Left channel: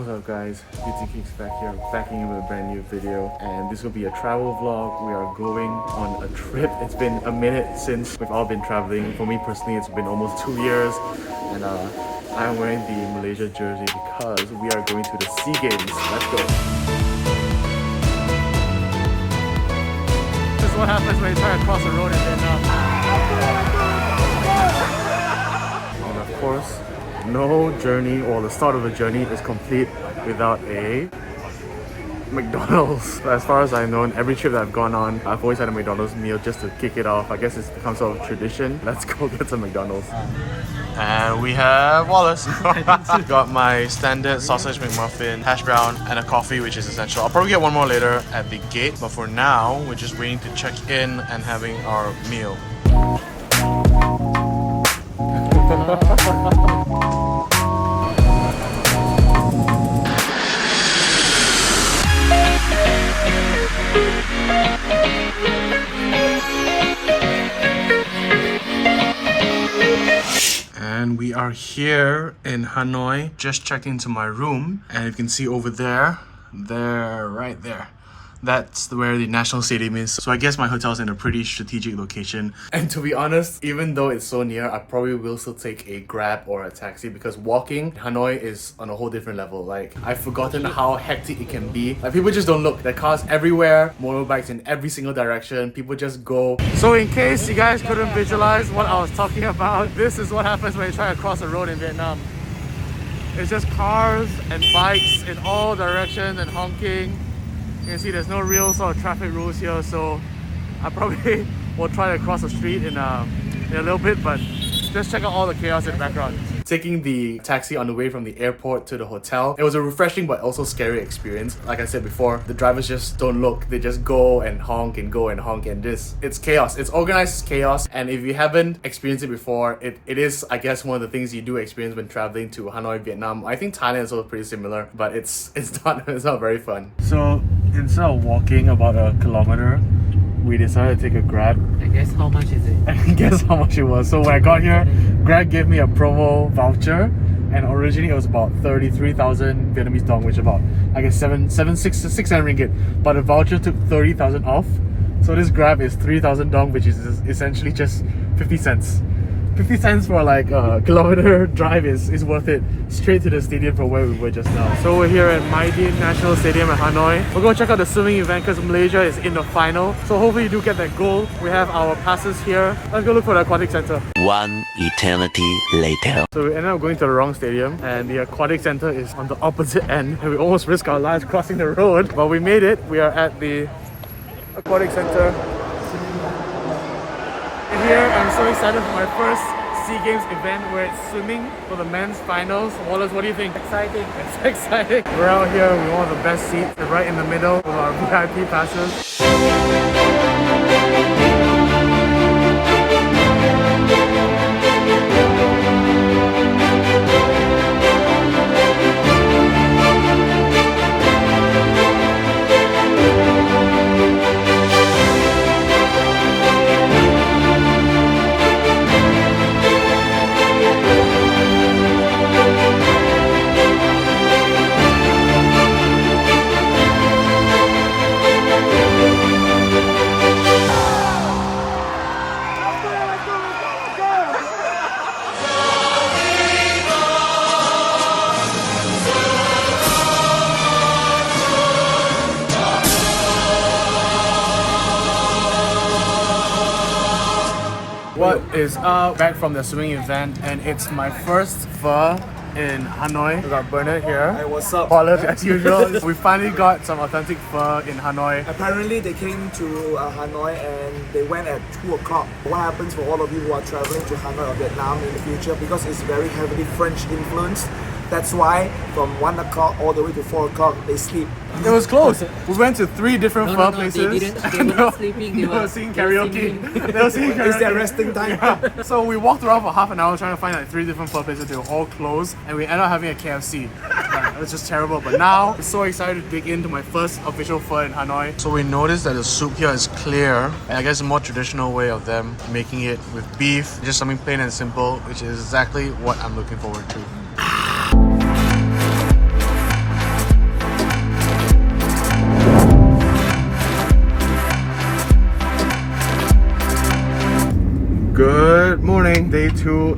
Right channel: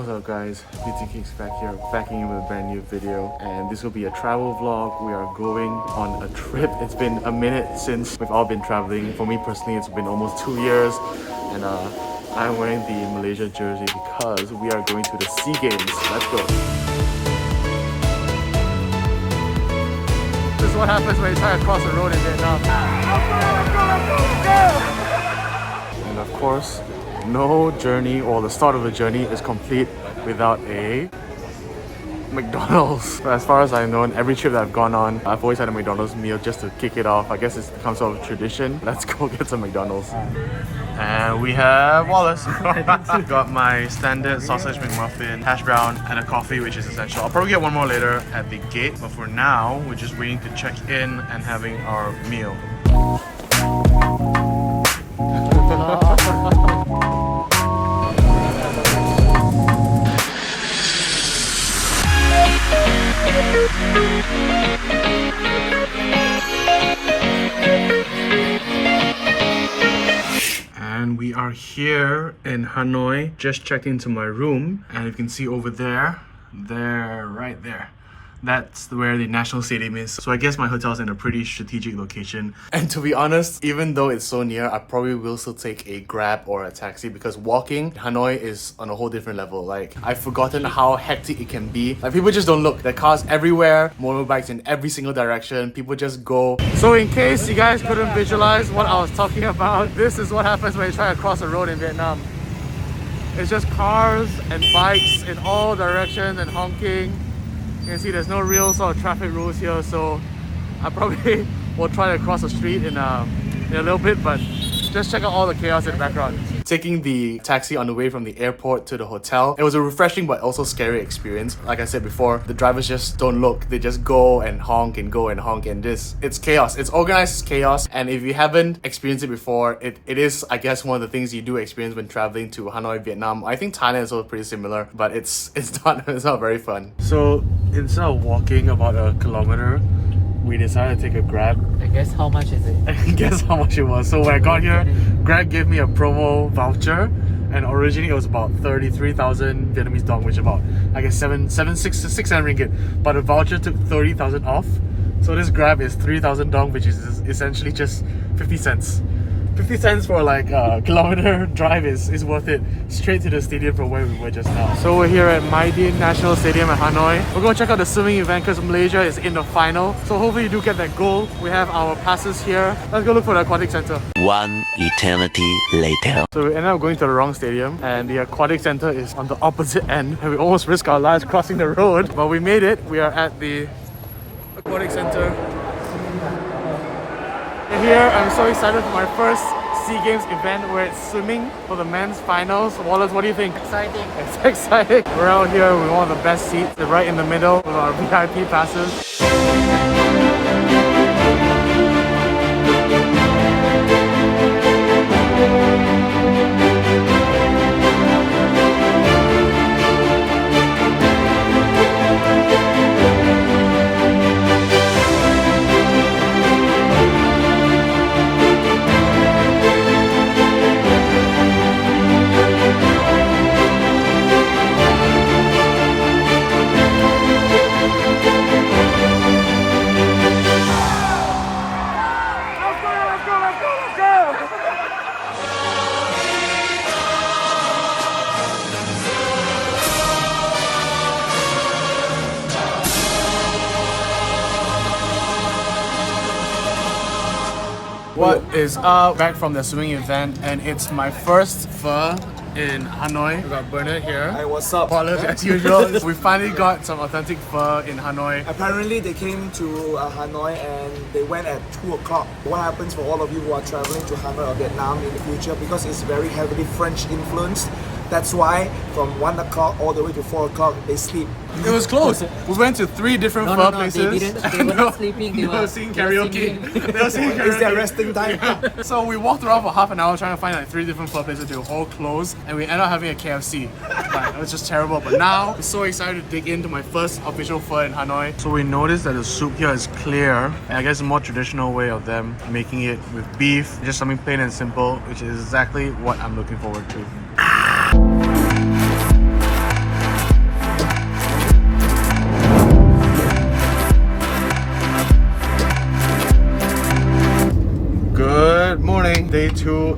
What's up guys, BTKicks back here, backing in with a brand new video, and this will be a travel vlog. We are going on a trip. It's been a minute since we've all been traveling. For me personally, it's been almost 2 years, and I'm wearing the Malaysia jersey because we are going to the SEA Games. Let's go. This is what happens when you try to cross the road in Vietnam. And of course, no journey or the start of a journey is complete without a McDonald's. As far as I've known, every trip that I've gone on, I've always had a McDonald's meal just to kick it off. I guess it's become sort of tradition. Let's go get some McDonald's. And we have Wallace. Got my standard sausage McMuffin, hash brown, and a coffee, which is essential. I'll probably get one more later at the gate, but for now, we're just waiting to check in and having our meal. And we are here in Hanoi. Just checked into my room, and you can see over there, right there. That's where the National Stadium is. So I guess my hotel's in a pretty strategic location. And to be honest, even though it's so near, I probably will still take a Grab or a taxi because walking Hanoi is on a whole different level. Like, I've forgotten how hectic it can be. Like, people just don't look. There are cars everywhere, motorbikes in every single direction. People just go. So in case you guys couldn't visualize what I was talking about, this is what happens when you try to cross a road in Vietnam. It's just cars and bikes in all directions and honking. You can see there's no real sort of traffic rules here, so I probably will try to cross the street in a little bit, but just check out all the chaos in the background. Taking the taxi on the way from the airport to the hotel, it was a refreshing but also scary experience. Like I said before, the drivers just don't look. They just go and honk and go and honk, and it's chaos. It's organized chaos, and if you haven't experienced it before, it is, I guess, one of the things you do experience when traveling to Hanoi, Vietnam. I think Thailand is also pretty similar, but it's not very fun. So instead of walking about a kilometer, we decided to take a Grab. And guess how much is it? And guess how much it was. So when I got here, Grab gave me a promo voucher, and originally it was about 33,000 Vietnamese dong, which is about, I guess, 600 ringgit. But the voucher took 30,000 off. So this Grab is 3,000 dong, which is essentially just 50 cents. 50 cents for like a kilometer drive is worth it. Straight to the stadium from where we were just now. So we're here at Mai Dinh National Stadium at Hanoi. We're going to check out the swimming event because Malaysia is in the final. So hopefully you do get that goal. We have our passes here. Let's go look for the aquatic center. One eternity later. So we ended up going to the wrong stadium, and the aquatic center is on the opposite end, and we almost risked our lives crossing the road, but we made it. We are at the aquatic center. Here, I'm so excited for my first SEA Games event where it's swimming for the men's finals. Wallace, what do you think? Exciting. It's excited. We're out here with one of the best seats. We're right in the middle with our VIP passes. What is up? Back from the swimming event, and it's my first pho in Hanoi. We got Bernard here. Hey, what's up? Wallace, as usual. We finally got some authentic pho in Hanoi. Apparently they came to Hanoi and they went at 2 o'clock. What happens for all of you who are traveling to Hanoi or Vietnam in the future, because it's very heavily French influenced, that's why from 1 o'clock all the way to 4 o'clock they sleep. It was close. We went to 3 different pho places. They were not sleeping. They were singing karaoke. They were singing karaoke. It's their resting time. So we walked around for half an hour trying to find like 3 different pho places. They were all closed, and we ended up having a KFC. Like, it was just terrible. But now I'm so excited to dig into my first official pho in Hanoi. So we noticed that the soup here is clear, and I guess a more traditional way of them making it with beef, just something plain and simple, which is exactly what I'm looking forward to.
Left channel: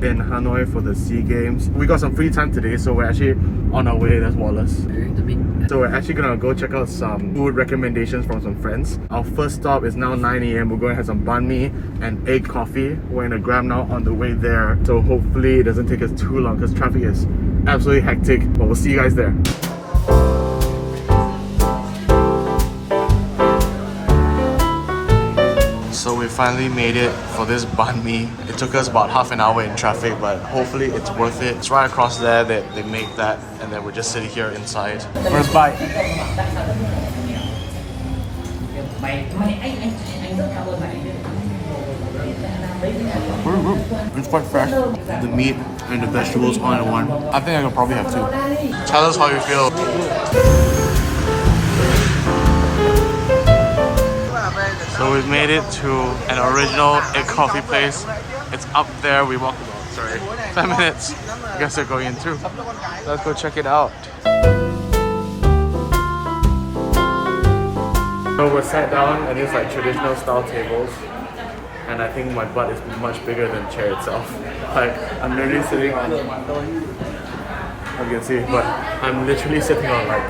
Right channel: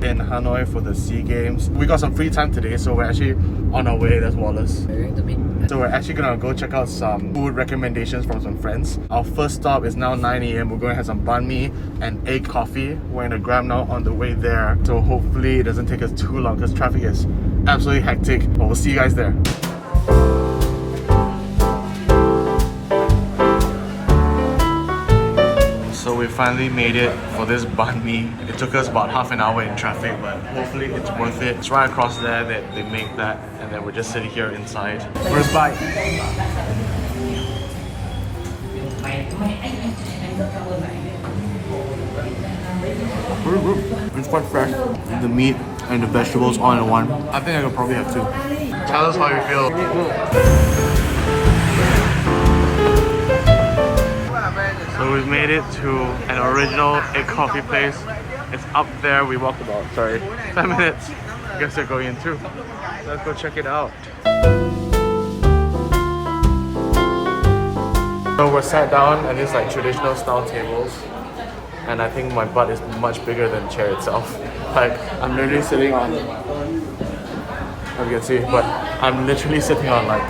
in Hanoi for the SEA Games. We got some free time today, so we're actually on our way. That's Wallace. We're going to meet. So we're actually gonna go check out some food recommendations from some friends. Our first stop is now 9 a.m. We're going to have some banh mi and egg coffee. We're in a Grab now on the way there. So hopefully it doesn't take us too long because traffic is absolutely hectic. But we'll see you guys there. So we finally made it for this banh mi. It took us about half an hour in traffic, but hopefully it's worth it. It's right across there that they make that, and then we're just sitting here inside. First bite. It's quite fresh. The meat and the vegetables all in one. I think I could probably have two. Tell us how you feel. So we've made it to an original egg coffee place. It's up there. We walked about, 10 minutes. I guess they're going in too. Let's go check it out. So we're sat down at these like traditional style tables. And I think my butt is much bigger than the chair itself. Like, I'm literally sitting on, as you can see, but I'm literally sitting on like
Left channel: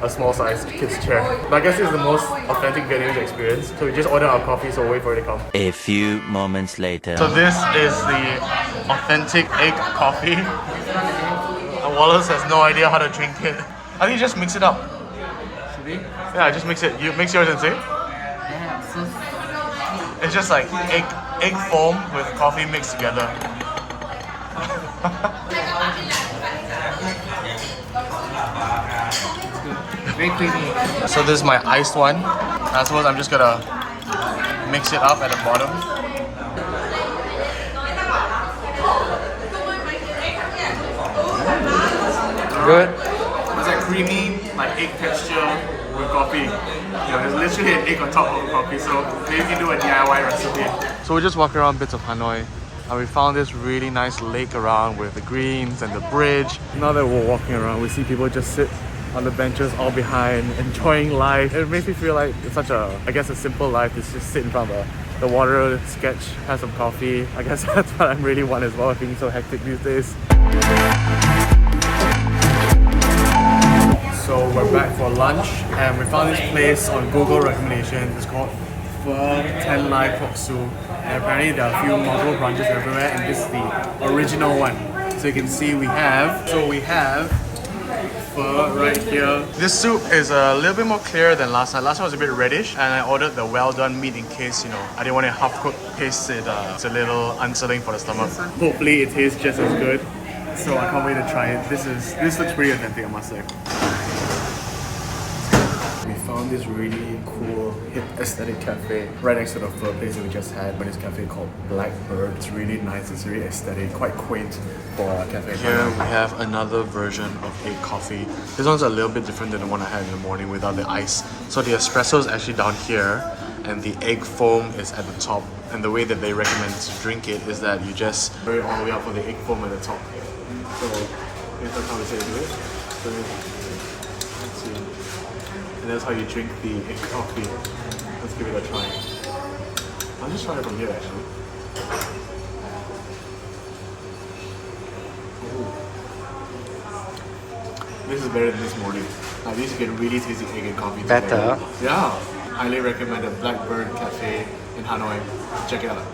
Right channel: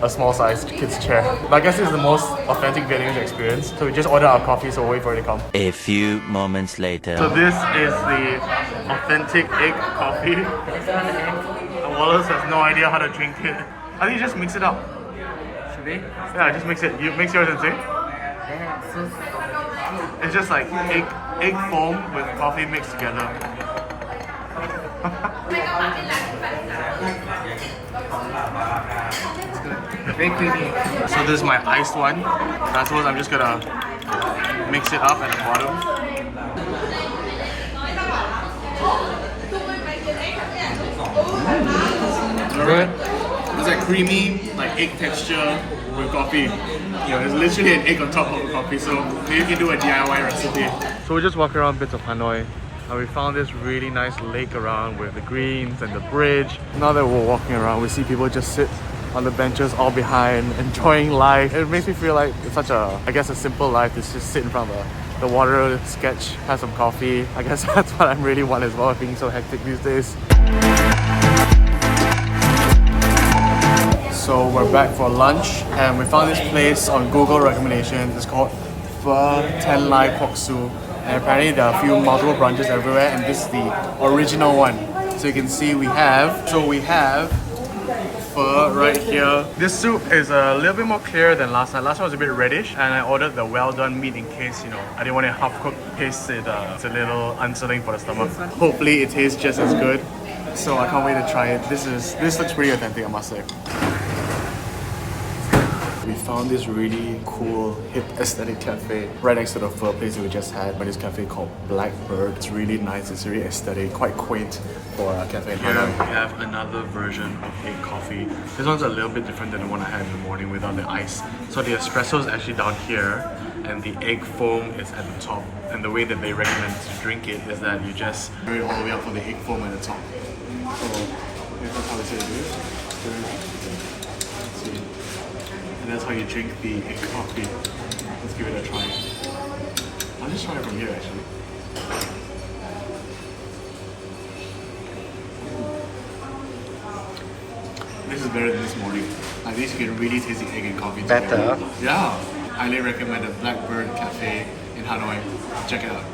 a small sized kid's chair. But I guess this is the most authentic Vietnamese experience. So we just order our coffee, so we'll wait for it to come. A few moments later. So this is the authentic egg coffee. And Wallace has no idea how to drink it. I think you just mix it up. Should we? Yeah, just mix it. You mix yours and say? Yeah, so It's just like egg foam with coffee mixed together. very creamy. So this is my iced one. I suppose I'm just gonna mix it up at the bottom. Good. It's a creamy, like egg texture with coffee. You know, it's literally an egg on top of a coffee, so maybe you can do a DIY recipe. So we're just walking around bits of Hanoi, and we found this really nice lake around with the greens and the bridge. Now that we're walking around, we see people just sit on the benches all behind, enjoying life. It makes me feel like it's such a, I guess, a simple life to just sit in front of the water, sketch, have some coffee. I guess that's what I really want as well, being so hectic these days. So we're back for lunch, and we found this place on Google recommendations. It's called Ten Lai Pork Su, and apparently there are a few multiple branches everywhere, and this is the original one. So you can see we have pho right here. This soup is a little bit more clear than last time. Last time was a bit reddish, and I ordered the well done meat in case, you know, I didn't want to half cook paste it. It's a little unsettling for the stomach. Hopefully it tastes just as good. So I can't wait to try it. This looks pretty authentic, I must say. We found this really cool, hip aesthetic cafe right next to the pho place that we just had. But this cafe called Blackbird. It's really nice. It's really aesthetic, quite quaint for a cafe. Here we have another version of egg coffee. This one's a little bit different than the one I had in the morning without the ice. So the espresso is actually down here, and the egg foam is at the top. And the way that they recommend to drink it is that you just put it all the way up for the egg foam at the top. So that's how we say to do it. So, let's see. And that's how you drink the egg coffee. Let's give it a try. I'll just try it from here actually. This is better than this morning. At least you can really taste the egg and coffee together. Better? Yeah. Highly recommend the Blackbird Cafe in Hanoi. Check it out.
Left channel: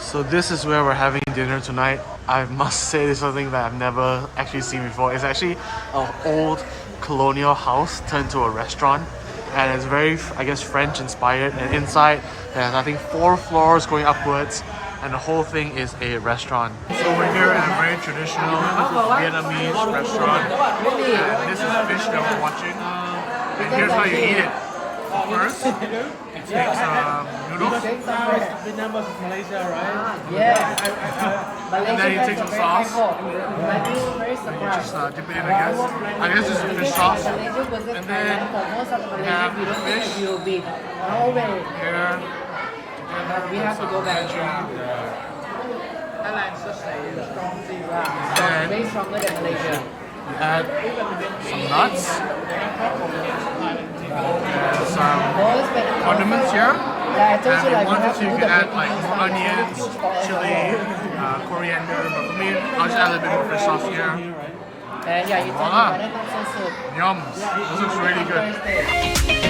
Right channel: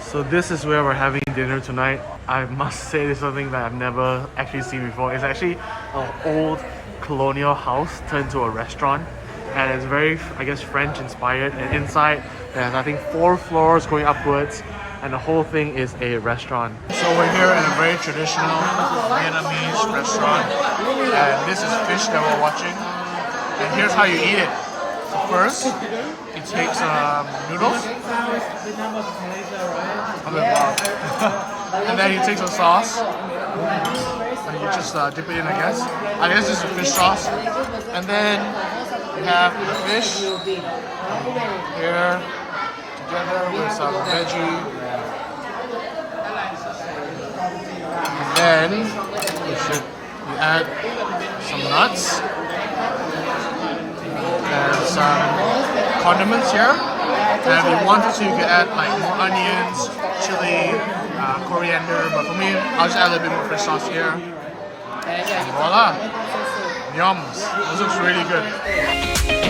So this is where we're having dinner tonight. I must say this is something that I've never actually seen before. It's actually an old colonial house turned to a restaurant. And it's very, I guess, French inspired. And inside there's, I think, 4 floors going upwards. And the whole thing is a restaurant. So we're here in a very traditional Vietnamese restaurant. And this is fish that we're watching. And here's how you eat it. So first, you take some noodles. And then you take some sauce. And you just dip it in, I guess. I guess this is a fish sauce. And then you have the fish here together with some veggie. And then you add some nuts and some condiments here. And if you wanted to, you could add like more onions, chili, coriander. But for me, I'll just add a little bit more fish sauce here. And voila! Yums! This looks really good.